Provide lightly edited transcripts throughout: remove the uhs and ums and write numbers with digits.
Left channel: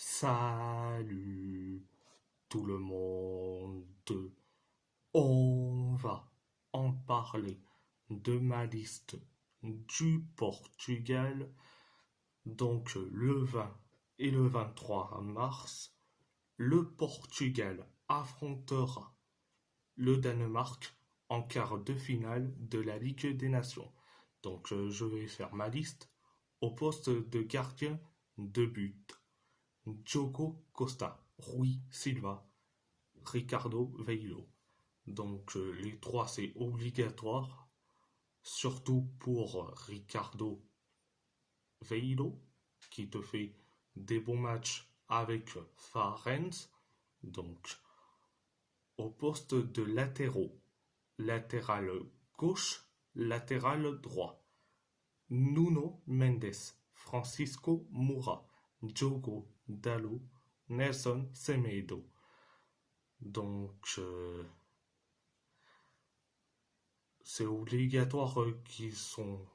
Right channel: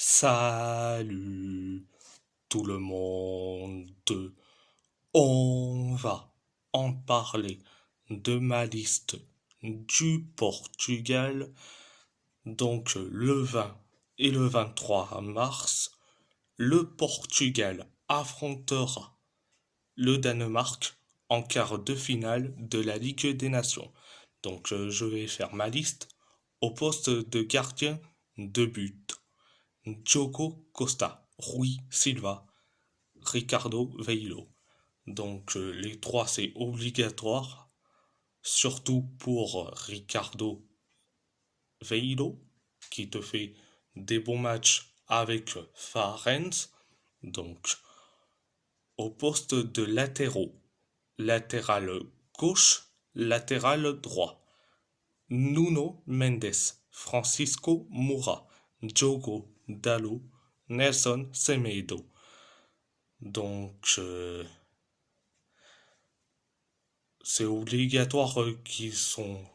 Salut tout le monde. On va en parler de ma liste du Portugal. Donc le 20 et le 23 mars, le Portugal affrontera le Danemark en quart de finale de la Ligue des Nations. Donc je vais faire ma liste au poste de gardien de but. Diogo Costa, Rui Silva, Ricardo Veilo. Donc les trois c'est obligatoire, surtout pour Ricardo Veilo qui te fait des bons matchs avec Farenz. Donc au poste de latéraux, latéral gauche, latéral droit, Nuno Mendes, Francisco Moura, Diogo Dalot, Nelson Semedo. Donc, c'est obligatoire qu'ils sont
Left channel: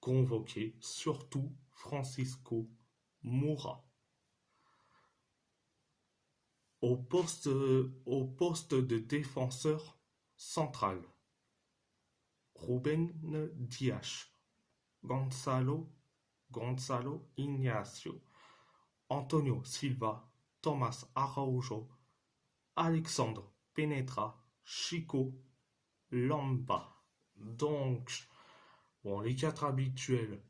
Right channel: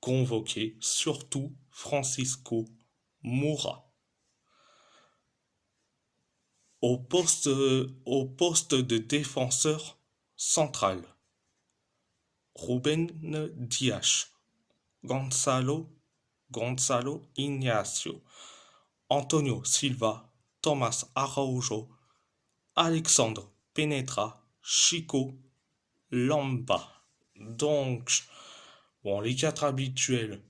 convoqués, surtout Francisco Moura. Au poste de défenseur central, Ruben Dias, Gonzalo Ignacio, Antonio Silva, Thomas Araujo, Alexandre Penetra, Chico Lamba. Donc, bon, les quatre habituels,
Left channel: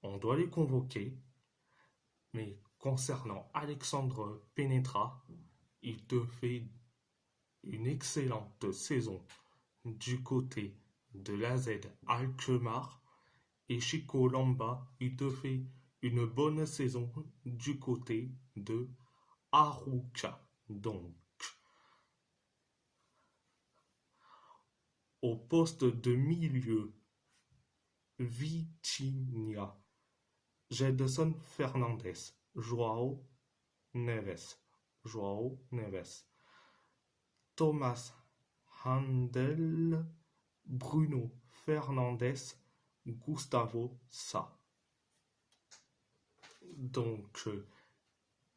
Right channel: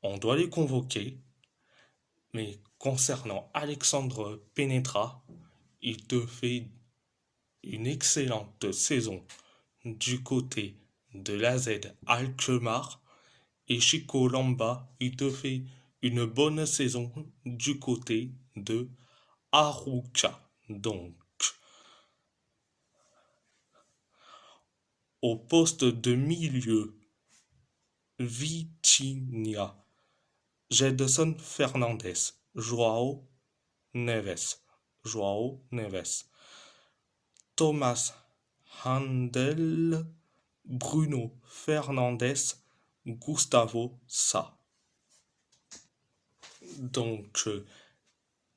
on doit les convoquer. Mais concernant Alexandre Penetra, il te fait une excellente saison du côté de l'AZ Alkmaar. Et Chico Lamba, il te fait une bonne saison du côté de Arouca. Donc, au poste de milieu, Vitinha, Gedson Fernandes, Joao Neves, Thomas Handel, Bruno Fernandes, Gustavo Sa. Donc,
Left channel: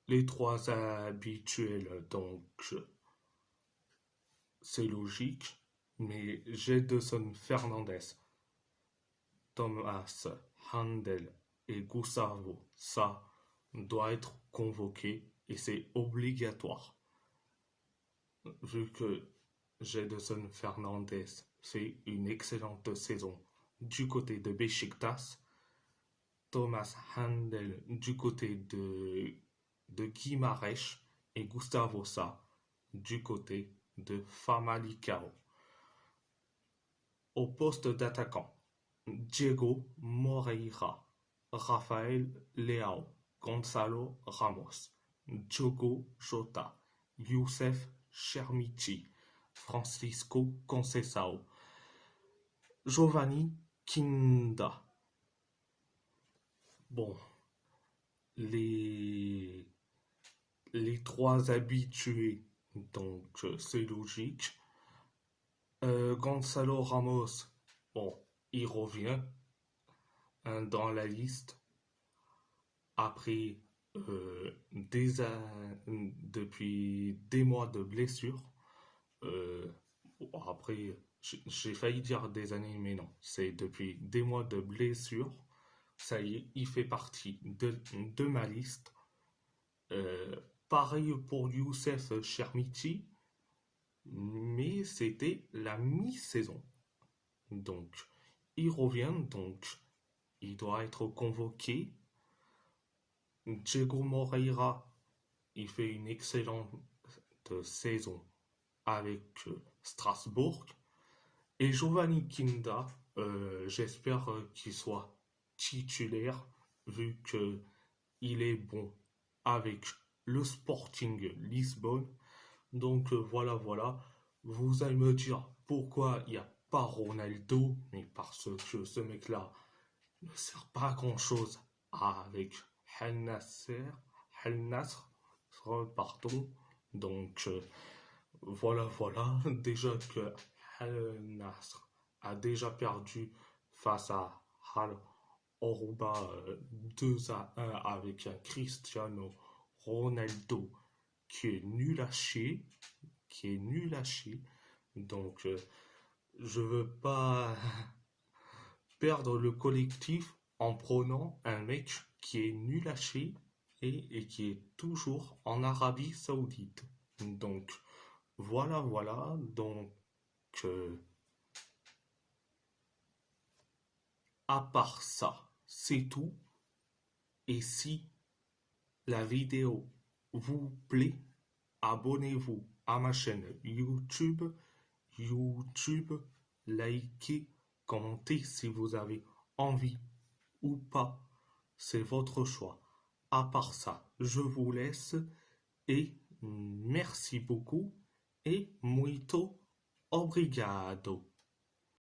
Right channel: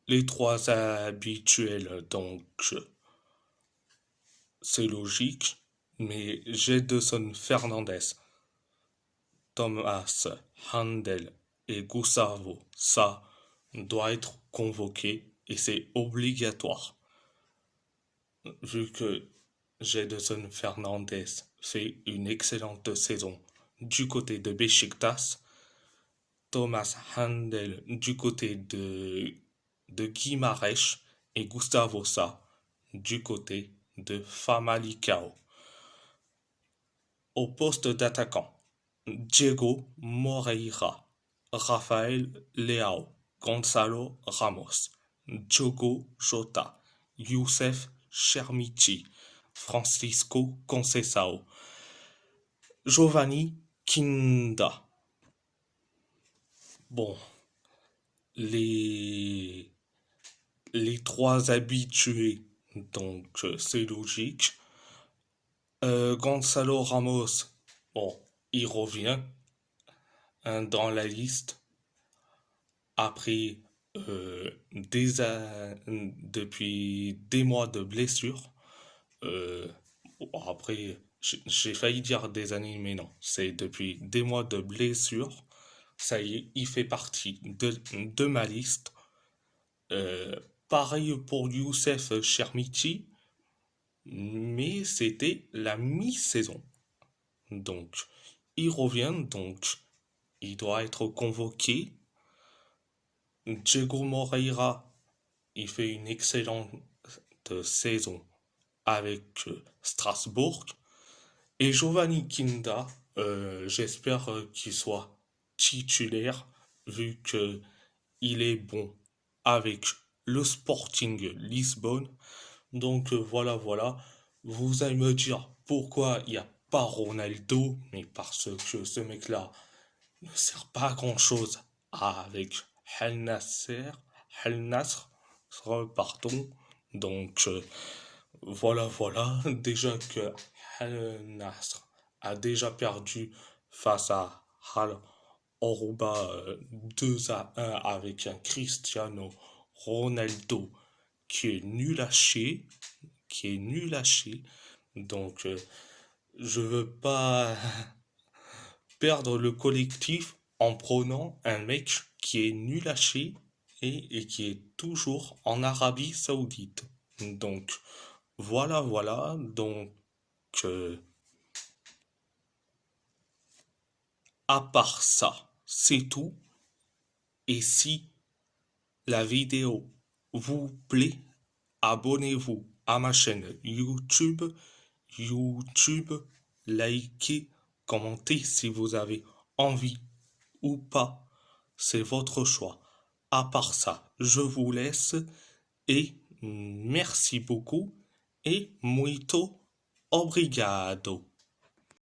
les trois habituels, donc, c'est logique, mais Gedson Fernandes, Thomas Handel et Gustavo Sa doivent être convoqués et c'est obligatoire. Vu que Gedson Fernandes fait une excellente saison du côté de Besiktas, Thomas Handel du côté de Guimarães et Gustavo Sa du côté de Famalicão. Au poste d'attaquant, Diego Moreira, Rafael Leao, Gonzalo Ramos, Diogo Jota, Youssef Chermichi, Francisco Conceição, Giovanni Kinda. Bon, les, les trois habitués, donc c'est logique. Gonzalo Ramos, bon, il revient dans la liste après depuis des mois de blessure. Euh, Après, j'ai failli dire des années, mais non, c'est depuis des mois de blessure. Ça y est, il fait partie de ma liste. Pareil pour Youssef Chermiti, mais c'était la mi-saison. Donc, il revient, donc il doit être convoqué. Diego Moreira, il fait une excellente saison avec Strasbourg. Et Giovanni Kinda, j'espère qu'il soit titulaire vu que il est bon avec le Sporting Lisbonne. Donc voilà. Vous allez me dire pourquoi il n'y a pas Ronaldo, mais parce que ce mec-là ne sert pas à grand-chose avec Al Nasser, Al Nasr, pardon. Donc voilà. Déjà que Al Nasr a déjà perdu face à Al Orouba 2-1 avec un Cristiano Ronaldo qui est nul à chier, qui est nul à chier. Donc, je veux pas perdre le collectif en prenant un mec qui est nul à chier et qui est toujours en Arabie Saoudite. Donc, voilà. Donc, euh, à part ça, c'est tout. Et si la vidéo vous plaît, abonnez-vous à ma chaîne YouTube. Likez, commentez si vous avez envie ou pas. C'est votre choix. À part ça, je vous laisse et merci beaucoup et muito obrigado.